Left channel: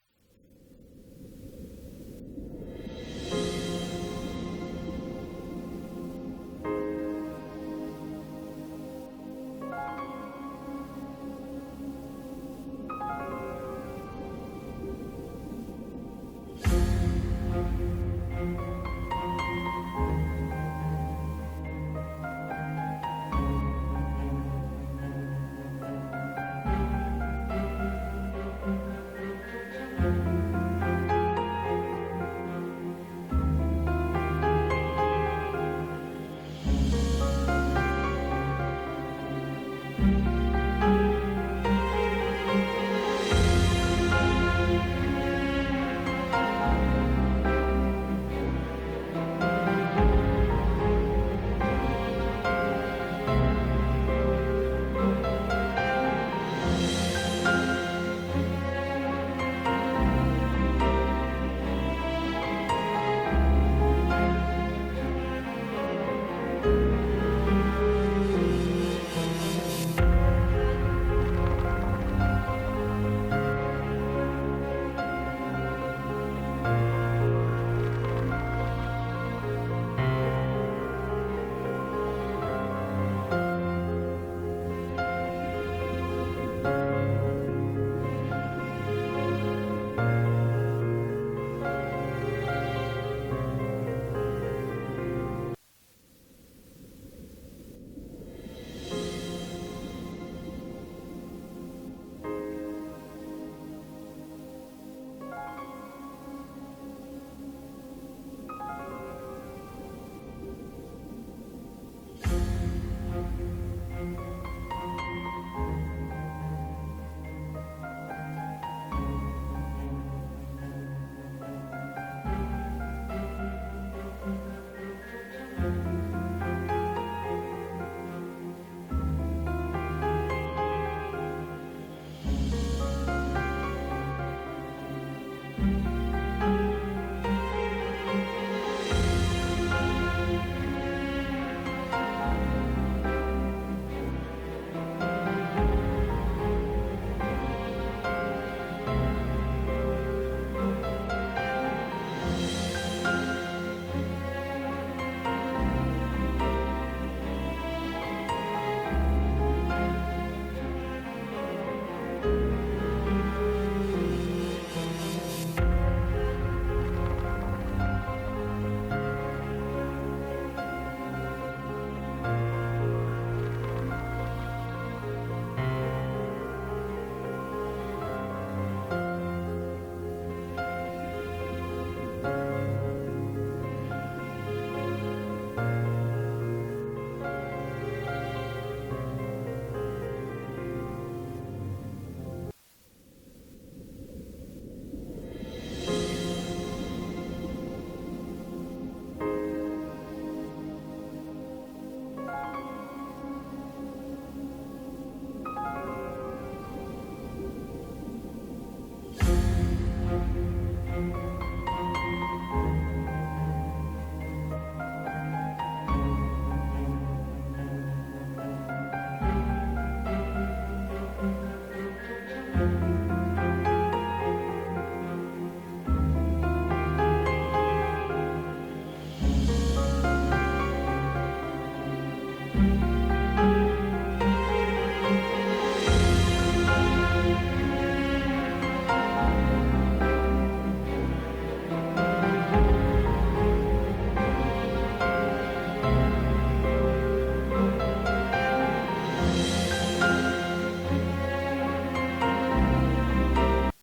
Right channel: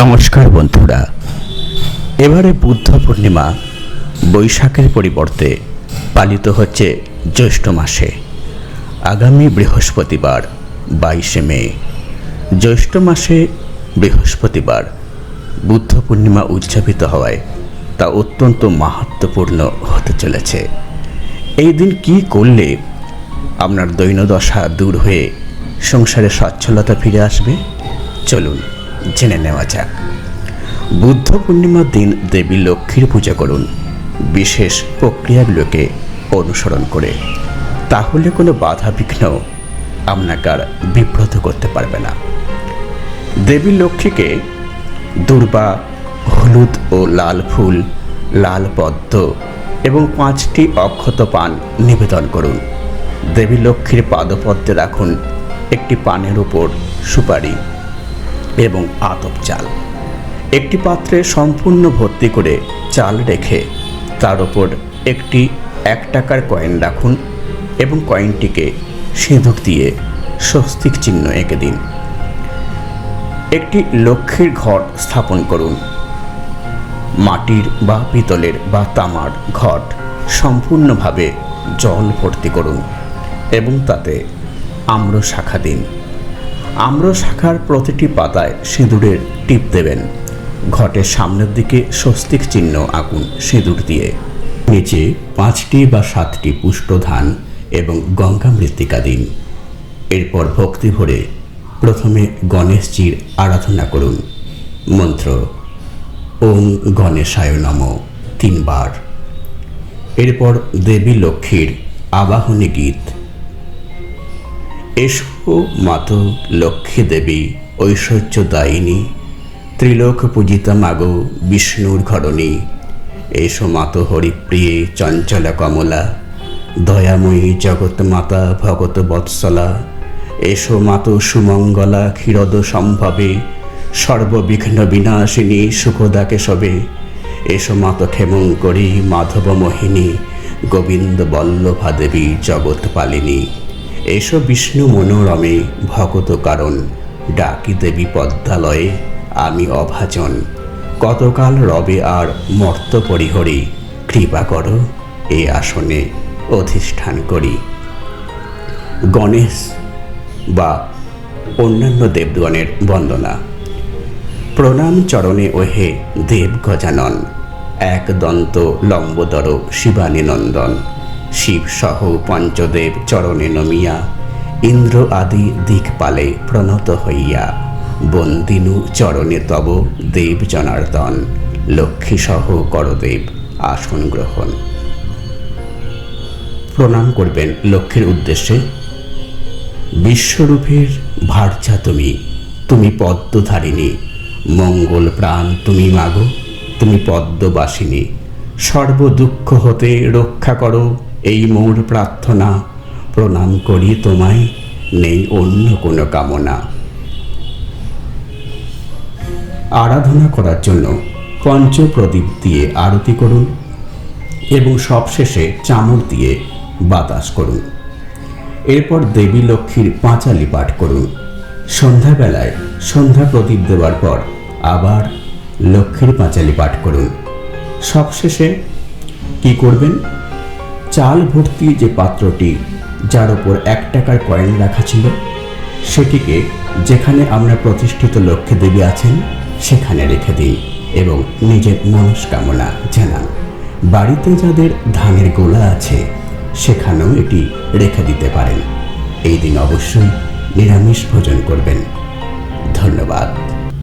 নমস্কার বন্ধুরা, এবারে বুদ্ধ পূর্ণিমা বৈশাখের পরিবর্তে পালিত হচ্ছে জ্যৈষ্ঠ মাসে। আগামী বৃহস্পতিবার 22শে মে জ্যৈষ্ঠ মাসে বৃহস্পতিবার বুদ্ধ পূর্ণিমা উদযাপিত হওয়ায় তা অত্যন্ত মাহাত্ম্যপূর্ণ হতে চলেছে। এই দিন কি করলে আপনার দৈন্যদশা দূর হয়ে সংসারে সচ্ছলতা ফিরে আসবে, চলুন জেনে নেওয়া যাক। বুদ্ধ পূর্ণিমার দিন দেবী লক্ষ্মীর পূজা করুন বিশেষ প্রক্রিয়াগুলোকে অনুসরণ করে, তাহলে কোনো বাধা বিঘ্ন আপনাকে আর বিব্রত করতে পারবে না। দেবী লক্ষ্মীকে দূর্বা, হলুদ ও লাল ফুল, লাল পদ্ম এবং 5টি অক্ষত পান নিবেদন করুন। দেবী লক্ষ্মীর পাদপদ্মে রাখুন একটি পানের উপর সুপারি এবং আতপ চাল। একটি পাত্রে সম্পূর্ণ ভর্তি করে চাল রেখে তার উপর একটি 1 টাকার কয়েন রাখুন এবং কয়েনটিকে সিঁদুর দিয়ে স্বস্তিক চিহ্ন এঁকে দিন। একটি লক্ষ্মীর ঘট স্থাপন করুন। মাটির বা পিতলের বা তামার ঘট সম্পূর্ণভাবে জল ভর্তি করুন এবং তাতে আম্র শাখা দিন। আম্র শাখার প্রতিটি পাতায় সিঁদুরের টিপ দেবেন। ঘটের সামনের দিকে স্বস্তিক চিহ্ন আঁকুন সিঁদুর দিয়ে। নিচে 5টি বা 7টি পুষ্ট ধান এবং গঙ্গা মৃত্তিকা দিন। এরপর ভক্তি ভরে প্রথমে গণেশজির আরাধনা করুন। মন্ত্র ওম গণেশায় নমঃ 3 বার। এরপর দেবী লক্ষ্মীর আবাহনী গীত। এসো মাতো লক্ষ্মী দেবী ঐশ্বর্যদায়িনী, ত্রিলোক পূজিতা মাগো বিষ্ণুর ঘরণী। এসো মাতো হরিপ্রিয়ে চঞ্চলা কমলা, দয়াময়ী জগৎ মাতা ভগত বৎসলা। এসো মাতো সুমঙ্গলা ক্ষীরদ সম্ভবে, সর্ববিঘ্ন বিনাশিনী সুখদা কেশবে। এসো মাতো ক্ষেমঙ্করী মাধব মোহিনী, গোবিন্দ বল্লভা দেবী জগৎ পালিনী। এসো বিষ্ণু মনোরমে ভগত কারণ, ডাকি দেবী পদ্মালয়ে আমি অভাজন। কতকাল রবে আর মর্ত পরিহরি, কৃপা করো এ আসনে অধিষ্ঠান করি। গণেশ বা অন্যান্য দেবগণের বন্দনা। প্রণাম চরণে ওহে দেব গজানন, এক দন্ত লম্বোদর শিবানী নন্দন। শিব সহ পঞ্চদেব চরণে নমিয়া, ইন্দ্র আদি দিকপালে প্রণত হইয়া। বন্দিনু চরণে তব দেব জনার্দন, লক্ষ্মী সহ করদেব আসন গ্রহণ। প্রণাম করবেন লক্ষ্মীর উদ্দেশ্যে। বিশ্বরূপের ভার্যা তুমি, তুমি পদ্মধারিণী। মঙ্গল প্রাণ তুমি মাগো, তুমি পদ্মবাসিনী। সর্ব দুঃখ হতে রক্ষা করো এই মোর প্রার্থনা। প্রণাম করি তোমায়, নেই অন্য কোনো কামনা। আরাধনা করার জন্য পঞ্চপ্রদীপ দিয়ে আরতি করুন এবং সবশেষে চামর দিয়ে বাতাস করুন। এরপর দেবী লক্ষ্মীর পাঁচালি পাঠ করুন। সন্ধ্যাবেলায় সন্ধ্যা প্রদীপ দেওয়ার পর আবার লক্ষ্মীর পাঁচালি পাঠ করুন। সবশেষে কি করবেন, চাল ভর্তি যে পাত্রটি যার উপর 1 টাকার কয়েন রাখা ছিল, সেটিকে যেখানে আমরা প্রতিষ্ঠিত লক্ষ্মী দেবী আছেন সেখানে রেখে দিন এবং নিজের মনস্কামনা জানান। বাড়িতে যাদের ধানের গোলা আছে সেখানেও এটি রেখে দিতে পারেন। এই দিন অবশ্যই নিরামিষ ভোজন করবেন। ধন্যবাদ।